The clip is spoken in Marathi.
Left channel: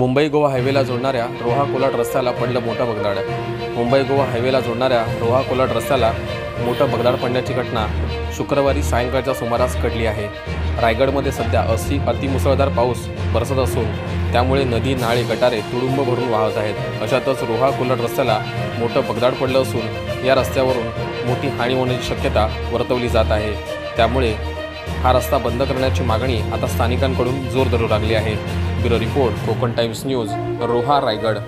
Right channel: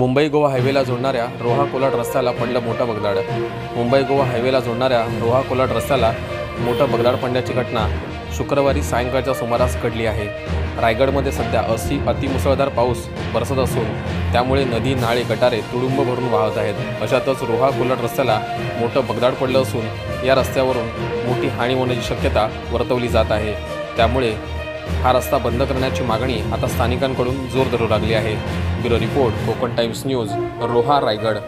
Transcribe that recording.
मुंबई गोवा हायवेला जोडणाऱ्या रोहा कोलाड रस्त्याला पडलं मोठं भगदाड। मुंबई गोवा हायवेला जोडणाऱ्या रोहा कोलाड रस्त्याला मोठं भगदाड पडण्याची घटना शुक्रवारी सायंकाळच्या सुमारास घडली आहे। रायगडमध्ये सध्या अतिमुसळधार पाऊस बरसत असून त्यामुळे नदी, नाळे, गटारे तुडुंब भरून वाहत आहेत। अशातच रोहा कोलाड रस्त्याला मोठं भगदाड पडलं असून या रस्त्यावरून मोठी हानी होण्याची शक्यता वर्तवली जात आहे। त्यामुळे हा रस्ता बंद करण्याची मागणी आता स्थानिकांकडून जोर धरू लागली आहे। Bureau report, Konkan times news, Roha, Raigad.